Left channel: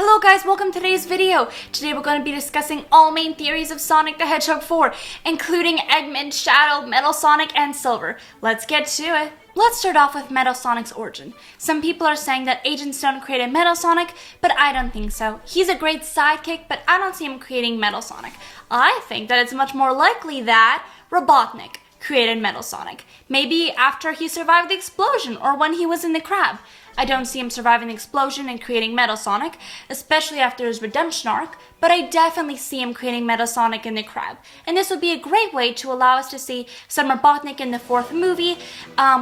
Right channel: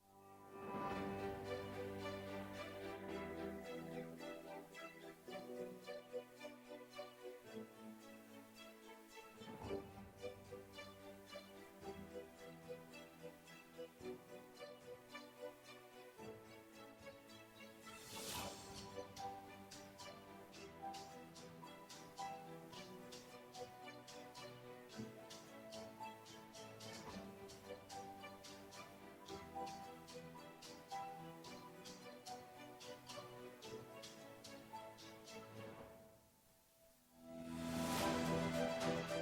Hello guys, welcome to today's video. Today we're going to be discussing all main theories of Sonic the Hedgehog 4, including Eggman, Shadow, Metal Sonic, and Silver. Let's get to it. Let's start off with Metal Sonic's origin. Some people are saying that Agent Stone created Metal Sonic, but I don't think so. He's a great sidekick, but I don't see him creating Metal Sonic. I think that it's much more likely that Robotnik created Metal Sonic. Maybe after he survived the explosion or when he was in the crab. I don't see him surviving the explosion and creating Metal Sonic, especially after his redemption arc, but I definitely see him creating Metal Sonic in the crab. And this would be a great way to allow us to see some Robotnik in the fourth movie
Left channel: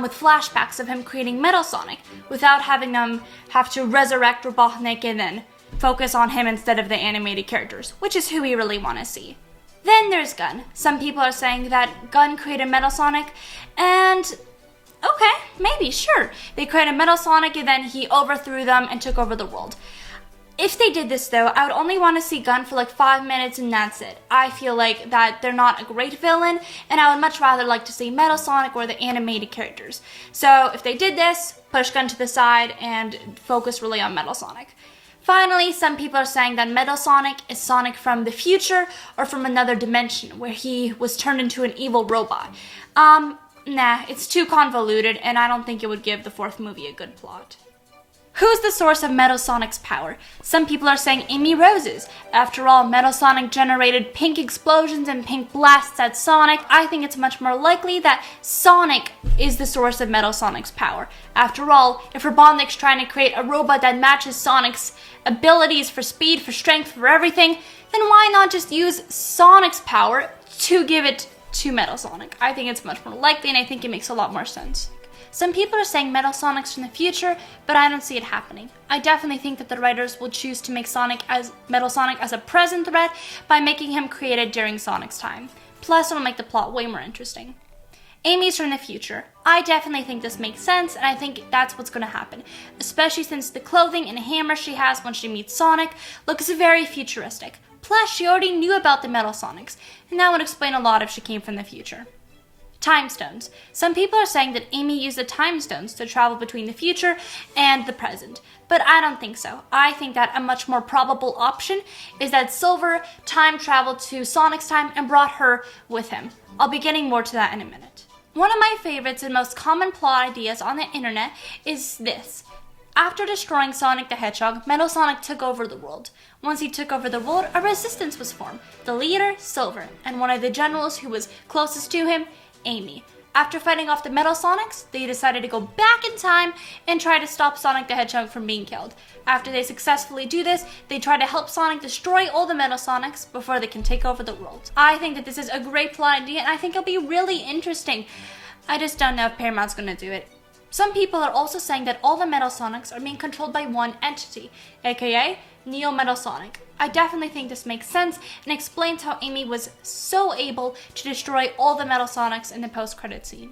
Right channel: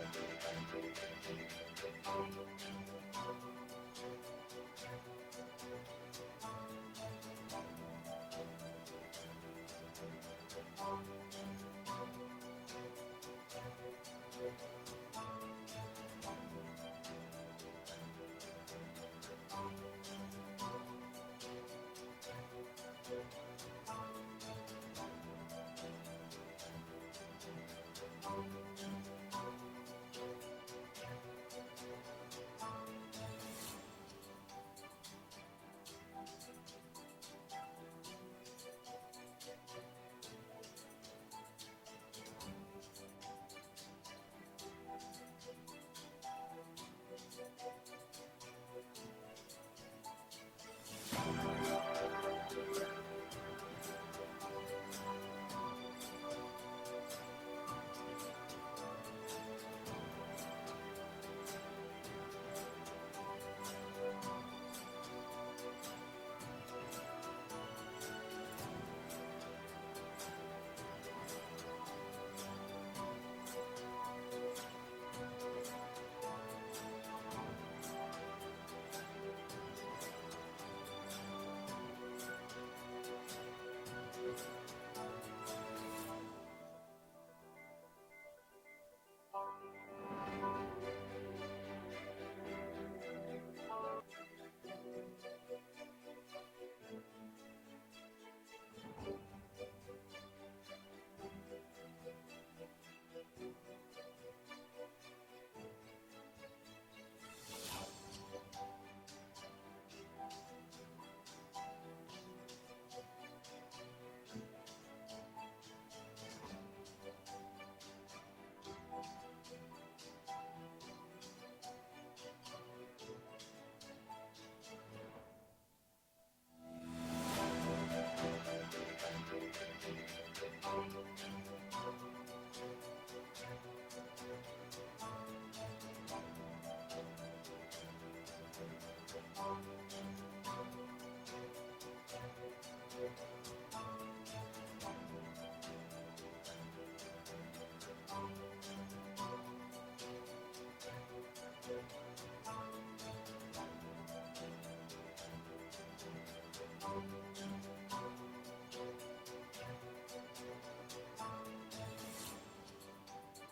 with flashbacks of him creating Metal Sonic without having them have to resurrect Robotnik and then focus on him instead of the animated characters, which is who we really want to see. Then there's Gun. Some people are saying that Gun created Metal Sonic, and okay, maybe, sure. They created Metal Sonic and then he overthrew them and took over the world. If they did this though, I would only want to see Gun for like 5 minutes and that's it. I feel like that they're not a great villain and I would much rather like to see Metal Sonic or the animated characters. So if they did this, push Gun to the side and focus really on Metal Sonic. Finally, some people are saying that Metal Sonic is Sonic from the future or from another dimension where he was turned into an evil robot. Nah, it's too convoluted and I don't think it would give the fourth movie a good plot. Who's the source of Metal Sonic's power? Some people are saying Amy Roses. After all, Metal Sonic generated pink explosions and pink blasts at Sonic. I think it's much more likely that Sonic is the source of Metal Sonic's power. After all, if Robotnik's trying to create a robot that matches Sonic's abilities for speed, for strength, for everything, then why not just use Sonic's power to give it to Metal Sonic? I think it's much more likely and I think it makes a lot more sense. Some people are saying Metal Sonic's from the future, but I don't see it happening. I definitely think that the writers will choose to make Metal Sonic as a present threat by making him created during Sonic's time. Plus, it'll make the plot way more interesting. Amy's from the future. I definitely think this makes sense, and I think that's what's going to happen, especially since the clothing and hammer she has when she meets Sonic looks very futuristic. Plus, she already knew about the Metal Sonics, and that would explain a lot if she came from the future. Time stones. Some people are saying that Amy used the time stones to travel between the future and the present, but I don't think so. I think that a much more probable option is that Silver time traveled to Sonic's time and brought her with him. I'll be getting more to that in a minute. One of my favorites and most common plot ideas on the internet is this. After destroying Sonic the Hedgehog, Metal Sonic took over the world. Once he took over the world, a resistance was formed. The leader, Silver, and one of the generals who was closest to him, Amy. After fighting off the Metal Sonics, they decided to go back in time and try to stop Sonic the Hedgehog from being killed. After they successfully do this, they try to help Sonic destroy all the Metal Sonics before they can take over the world. I think that this is a great plot idea and I think it'll be really interesting. I just don't know if Paramount's gonna do it. Some people are also saying that all the Metal Sonics are being controlled by one entity, aka Neo Metal Sonic. I definitely think this makes sense and explains how Amy was so able to destroy all the Metal Sonics in the post-credit scene.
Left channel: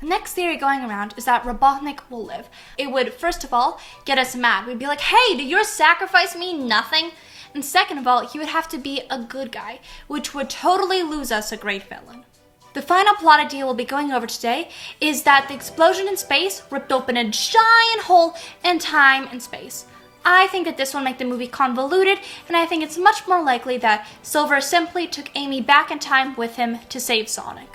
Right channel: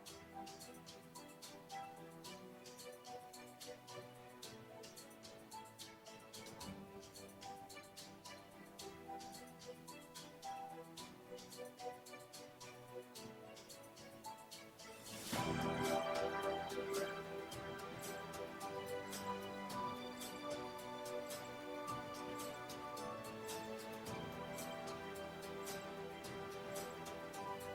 The next theory going around is that Robotnik will live. It would, first of all, get us mad. We'd be like, hey, did your sacrifice mean nothing? And second of all, he would have to be a good guy, which would totally lose us a great villain. The final plot idea we'll be going over today is that the explosion in space ripped open a giant hole in time and space. I think that this will make the movie convoluted, and I think it's much more likely that Silver simply took Amy back in time with him to save Sonic.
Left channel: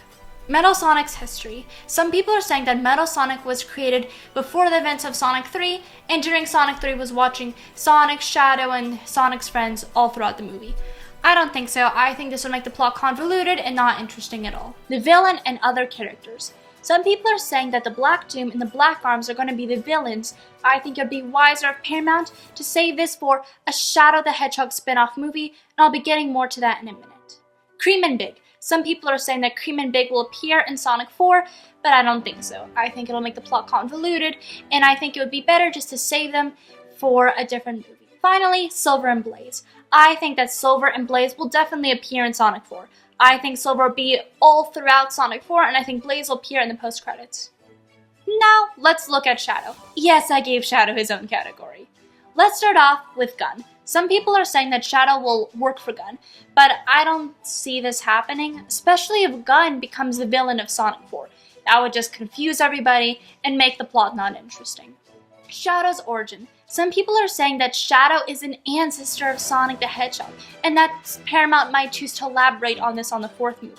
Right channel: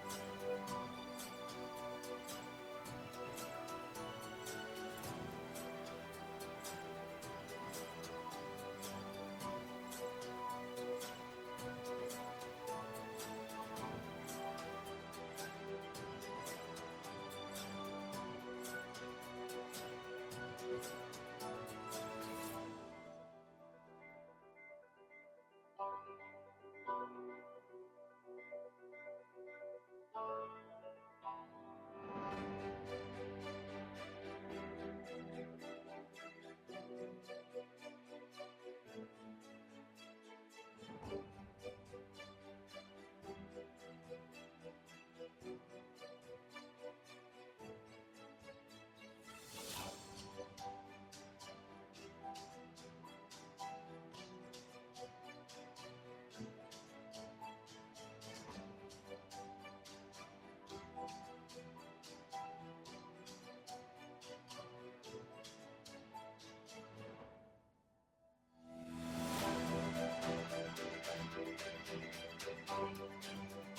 Metal Sonic's history. Some people are saying that Metal Sonic was created before the events of Sonic 3, and during Sonic 3 was watching Sonic, Shadow, and Sonic's friends all throughout the movie. I don't think so. I think this would make the plot convoluted and not interesting at all. The villain and other characters. Some people are saying that the Black Doom and the Black Arms are going to be the villains. I think it would be wiser of Paramount to save this for a Shadow the Hedgehog spin-off movie, and I'll be getting more to that in a minute. Cream and Big. Some people are saying that Cream and Big will appear in Sonic 4, but I don't think so. I think it'll make the plot convoluted, and I think it would be better just to save them for a different movie. Finally, Silver and Blaze. I think that Silver and Blaze will definitely appear in Sonic 4. I think Silver will be all throughout Sonic 4, and I think Blaze will appear in the post-credits. Now, let's look at Shadow. Yes, I gave Shadow his own category. Let's start off with Gun. Some people are saying that Shadow will work for Gun, but I don't see this happening, especially if Gun becomes the villain of Sonic 4. That would just confuse everybody and make the plot not interesting. Shadow's origin. Some people are saying that Shadow is an ancestor of Sonic the Hedgehog, and that Paramount might choose to elaborate on this on the 4th movie.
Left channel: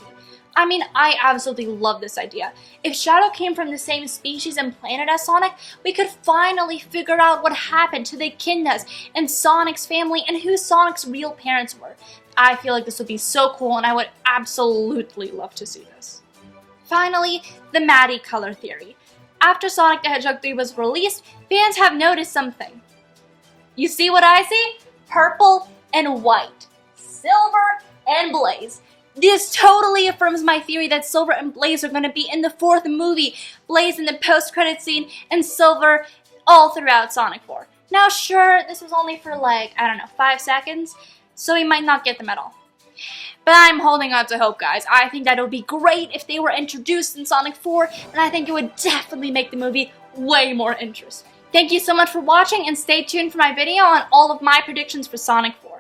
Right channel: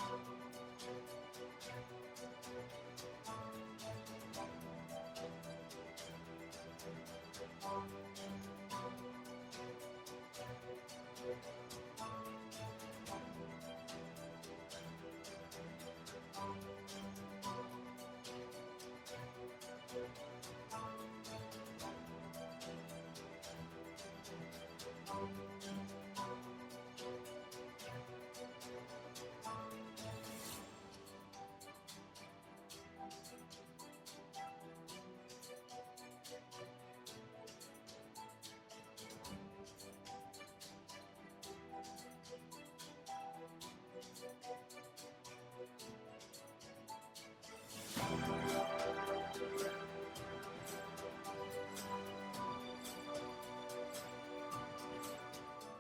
I mean, I absolutely love this idea. If Shadow came from the same species and planet as Sonic, we could finally figure out what happened to the Echidnas and Sonic's family and who Sonic's real parents were. I feel like this would be so cool, and I would absolutely love to see this. Finally, the Maddie color theory. After Sonic the Hedgehog 3 was released, fans have noticed something. You see what I see? Purple and white. Silver and Blaze. This totally affirms my theory that Silver and Blaze are going to be in the 4th movie. Blaze in the post-credit scene and Silver all throughout Sonic 4. Now sure, this was only for 5 seconds, so we might not get them at all. But I'm holding on to hope, guys. I think that it would be great if they were introduced in Sonic 4, and I think it would definitely make the movie way more interesting. Thank you so much for watching, and stay tuned for my video on all of my predictions for Sonic 4.